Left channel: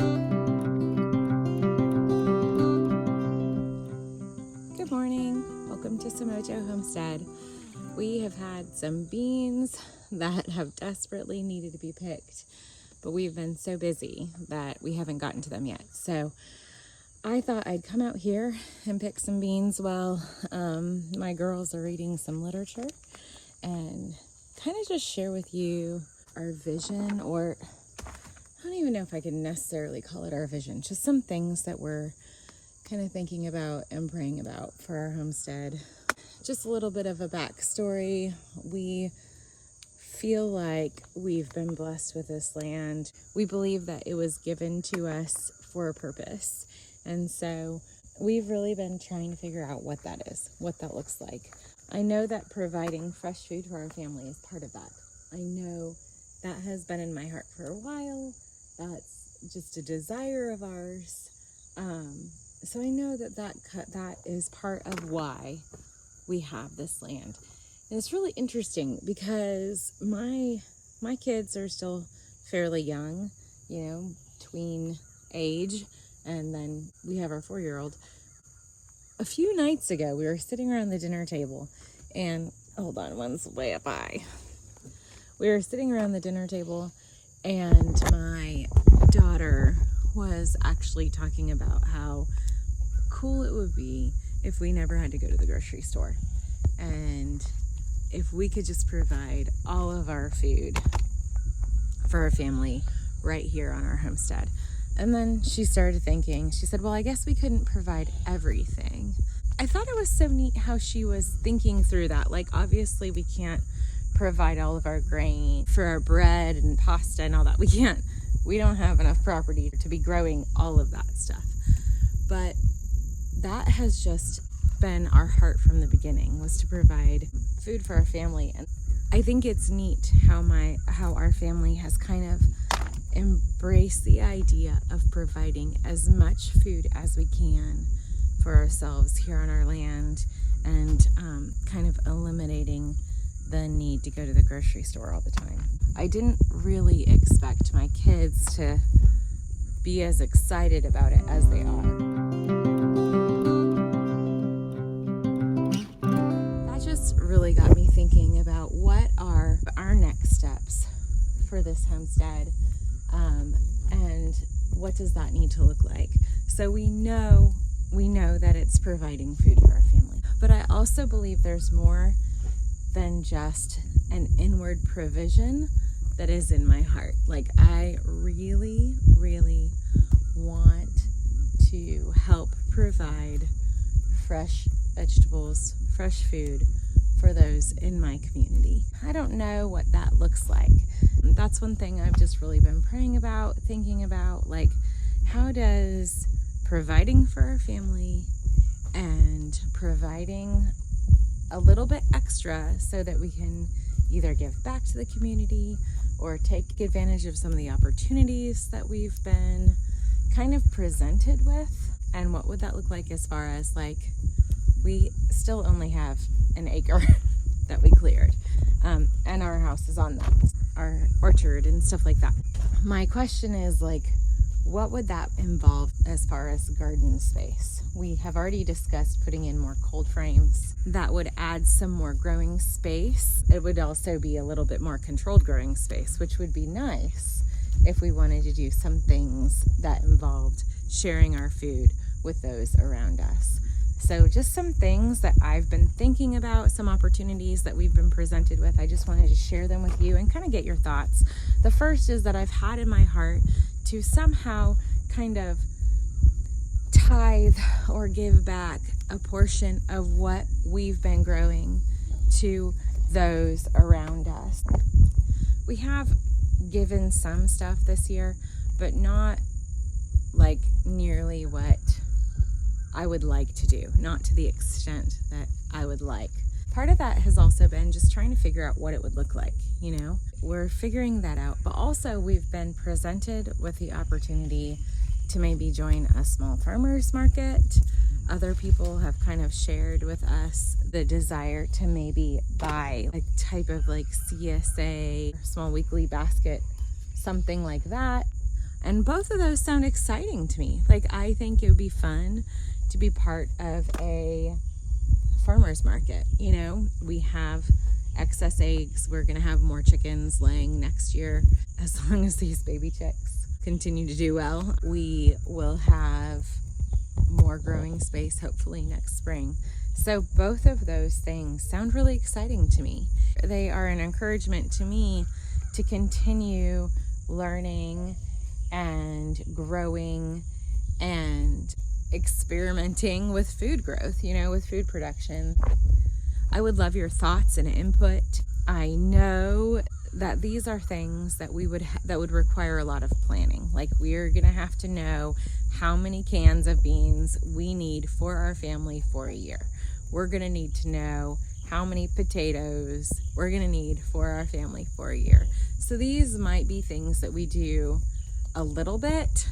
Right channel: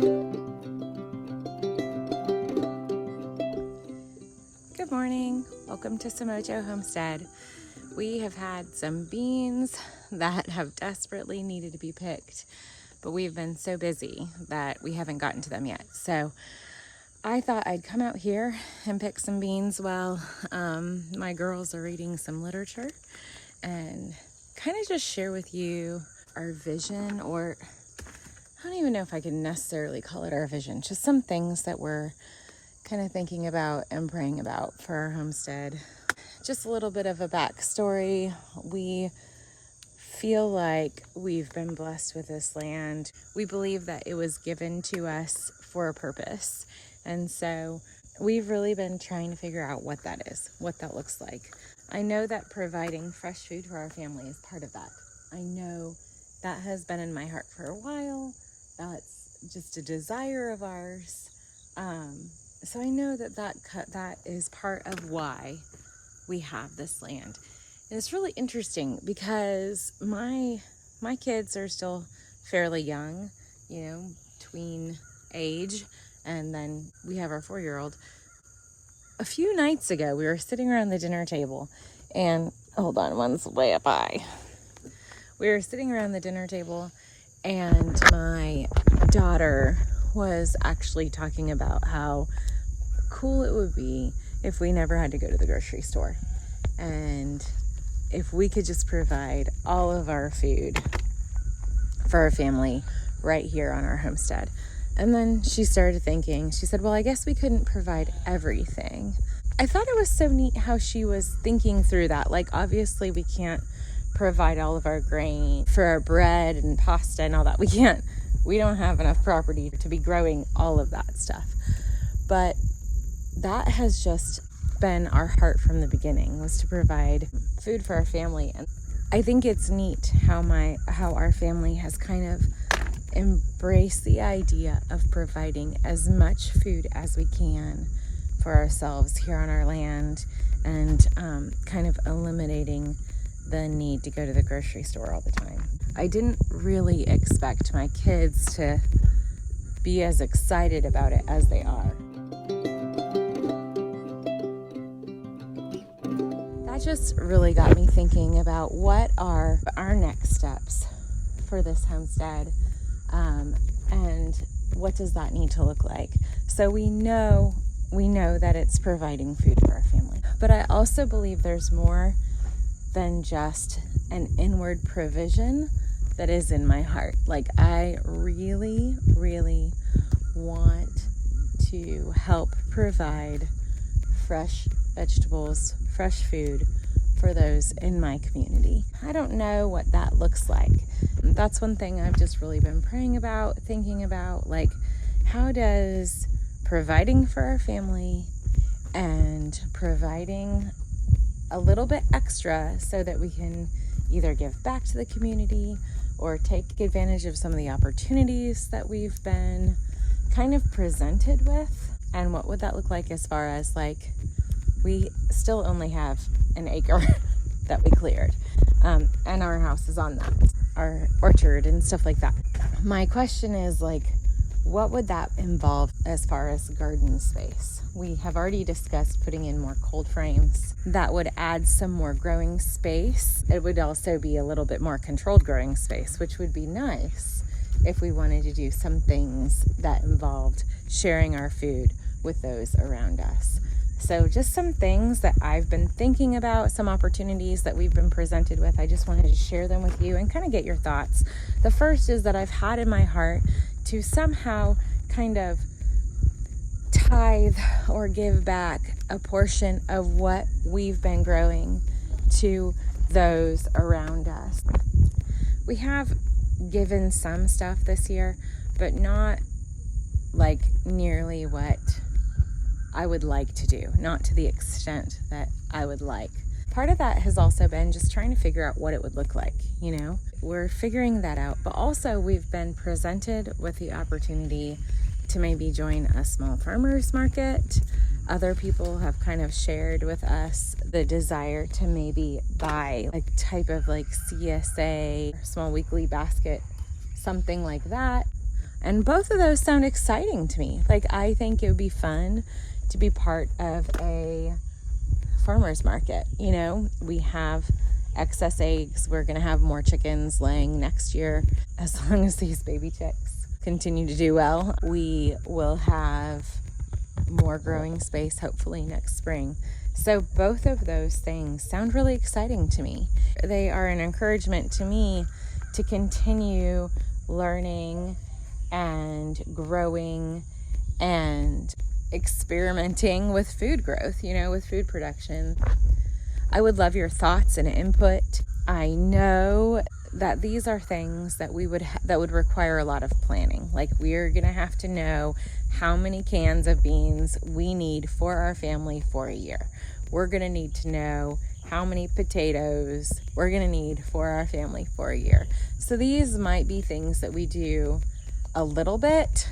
Good morning. Welcome to Samojo Homestead. We have had some beans that have desperately needed to be picked, but we've been so busy that we haven't gotten to them yet. So I thought I'd come out here and pick some beans while my girls are reading some literature and kind of just share with you our vision, or I don't even know if I could necessarily call it our vision, just some things that we're kind of thinking about and praying about for our homestead. Just a little bit of a backstory. We feel like we've been blessed with this land. We believe that it was given to us for a purpose. And so we've really been trying to figure out what that is, what that looks like. I know that providing fresh food for our family is part of that. I know that has been in my heart for a while. That's just a desire of ours. So I know that is part of why we have this land. And it's really interesting because my kids are still fairly young, tween age, and then we have our 4-year-old. A few nights ago, we were sitting around the dinner table, and hold on, one's way up high. We were sitting around the dinner table, and my daughter was actually talking about how cool it would be if we never had to go to the grocery store, and if we could just provide all of our food for our family right here on our homestead. And then she started thinking, she said, well, I guess we couldn't provide everything. I thought it was so neat how she was thinking through that. Like, obviously we can't provide all of our grain for our bread and pasta and all that. We don't have enough property to be growing all of that stuff. But that has just been our heart from the beginning, was to provide food for our family. And I think it's neat how our family has kind of embraced the idea of providing as much food as we can for ourselves here on our land, and kind of eliminating the need to go to the grocery store all the time. I didn't really expect my kids to be as excited about it as they are. That just really got me thinking about what are our next steps for this homestead, and what does that need to look like. So we know that it's providing food for our family, but I also believe there's more than just an inward provision that is in my heart. Like, I really, really want to help provide fresh vegetables, fresh food for those in my community. I don't know what that looks like. That's one thing I've just really been praying about, thinking about, like, how does providing for our family and providing a little bit extra so that we can either give back to the community or take advantage of some of the opportunities that we've been kind of presented with, and what would that look like as far as, like, we still only have an acre that we cleared, and our house is on that, our orchard and stuff like that. My question is, like, what would that involve as far as garden space? We have already discussed putting in more cold frames. That would add some more growing space. It would also be a little bit more controlled growing space, which would be nice if we wanted to do some things that involved sharing our food with those around us. So just some things that I've been thinking about, some opportunities that we've been presented with. I just wanted to share them with you and kind of get your thoughts. The first is that I've had in my heart to somehow kind of tithe or give back a portion of what we've been growing to those around us. We have given some stuff this year, but not like nearly what I would like to do, not to the extent that I would like. Part of that has also been just trying to figure out what it would look like, We're figuring that out, but also we've been presented with the opportunity to maybe join a small farmers market. Other people have kind of shared with us the desire to maybe buy a type of like CSA, small weekly basket, something like that. And both of those sound exciting to me. Like, I think it would be fun to be part of a farmer's market. You know, we have excess eggs. We're going to have more chickens laying next year. As long as these baby chicks continue to do well, we will have more growing space hopefully next spring. So both of those things sound really exciting to me. They are an encouragement to me to continue learning and growing and experimenting with food growth, you know, with food production. I would love your thoughts and input. I know that these are things that that would require a lot of planning. Like, we're gonna have to know how many cans of beans we need for our family for a year. We're gonna need to know how many potatoes we're gonna need for our family for a year. So these might be things that we do a little bit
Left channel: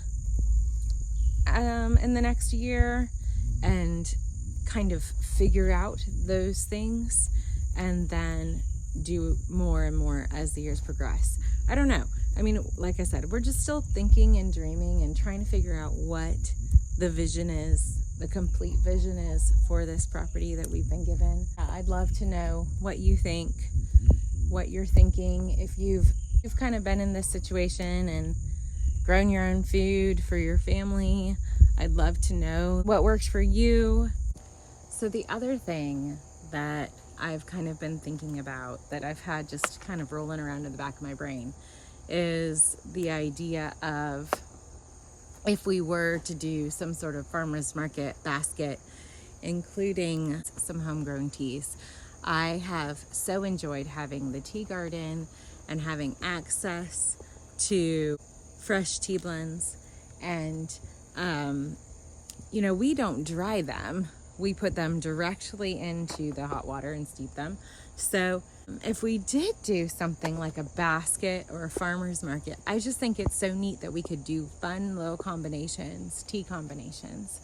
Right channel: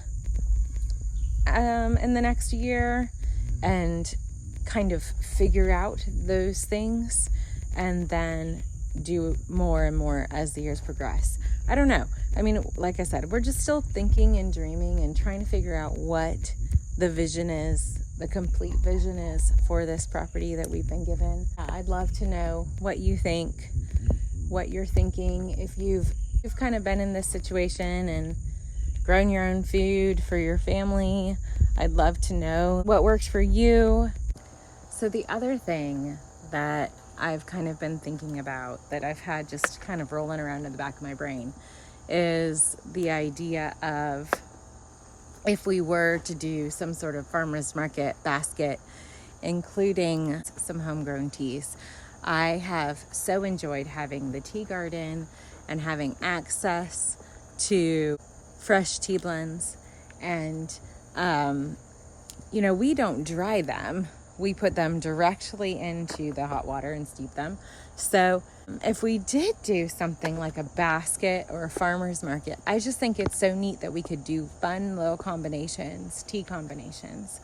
in the next year and kind of figure out those things, and then do more and more as the years progress. I don't know. I mean, like I said, we're just still thinking and dreaming and trying to figure out what the vision is, the complete vision is for this property that we've been given. I'd love to know what you think, what you're thinking. If you've kind of been in this situation and grown your own food for your family, I'd love to know what works for you. So the other thing that I've kind of been thinking about, that I've had just kind of rolling around in the back of my brain, is the idea of, if we were to do some sort of farmer's market basket, including some homegrown teas. I have so enjoyed having the tea garden and having access to fresh tea blends. And, you know, we don't dry them. We put them directly into the hot water and steep them. So if we did do something like a basket or a farmer's market, I just think it's so neat that we could do fun little combinations, tea combinations.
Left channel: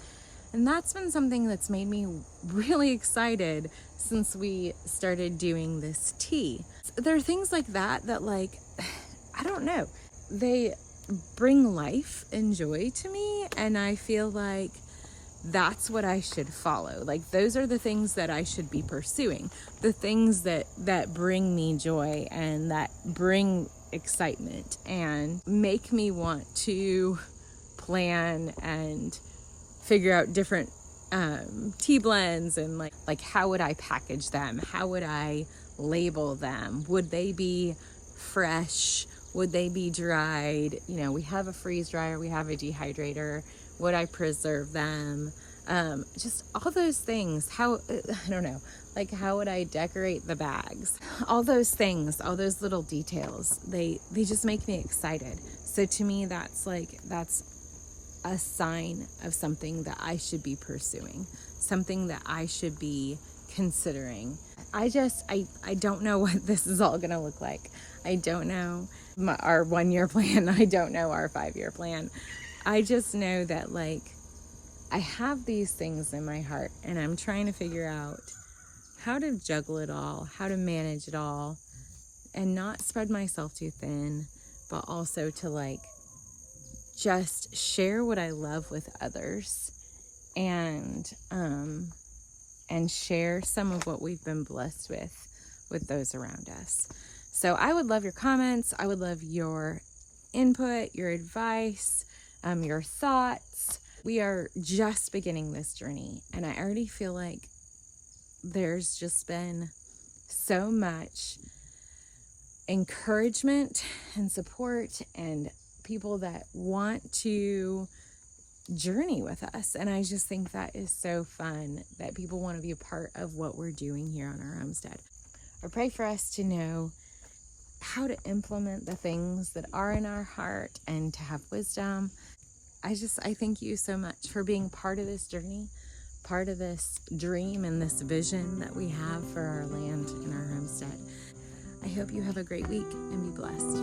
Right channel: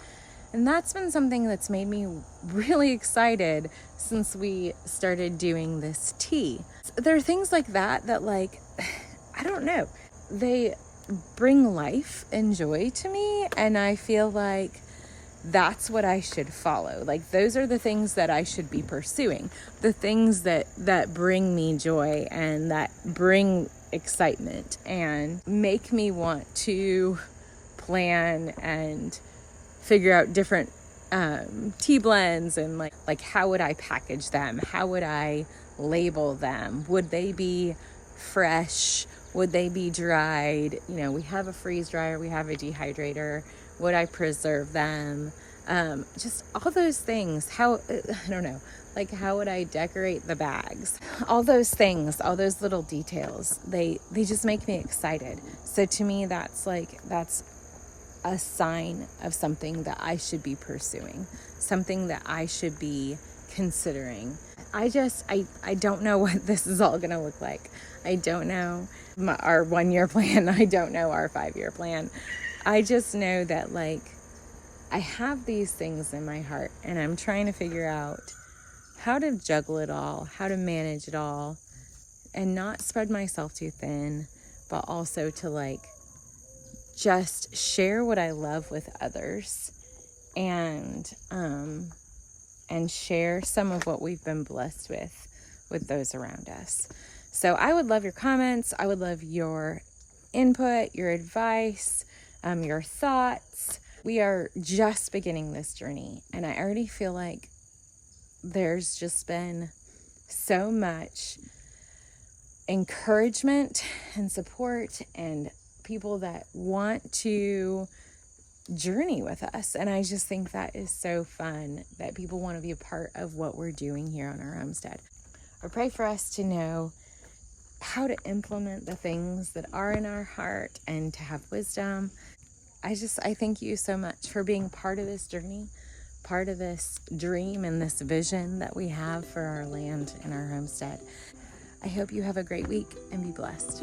And that's been something that's made me really excited since we started doing this tea. There are things like that, like, I don't know, they bring life and joy to me, and I feel like that's what I should follow. Like, those are the things that I should be pursuing, the things that bring me joy and that bring excitement and make me want to plan and figure out different tea blends, and like how would I package them? How would I label them? Would they be fresh? Would they be dried? You know, we have a freeze dryer, we have a dehydrator. Would I preserve them? Just all those things. How, I don't know, like, how would I decorate the bags? All those things, all those little details, they just make me excited. So to me, that's a sign of something that I should be pursuing, something that I should be considering. I don't know what this is all gonna look like. I don't know our 1-year plan. I don't know our 5-year plan. I just know that, like, I have these things in my heart, and I'm trying to figure out how to juggle it all, how to manage it all, and not spread myself too thin, but also to, like, just share what I love with others, and share some of what we've been blessed with those around us. So I would love your comments. I would love your input, your advice, your thoughts. We are just beginning this journey, and I already feel like there's just been so much encouragement and support and people that want to journey with us. And I just think that is so fun that people want to be a part of what we're doing here on our homestead. I pray for us to know how to implement the things that are in our heart and to have wisdom. I thank you so much for being part of this journey, part of this dream and this vision that we have for our land and our homestead. I hope you have a great week and be blessed.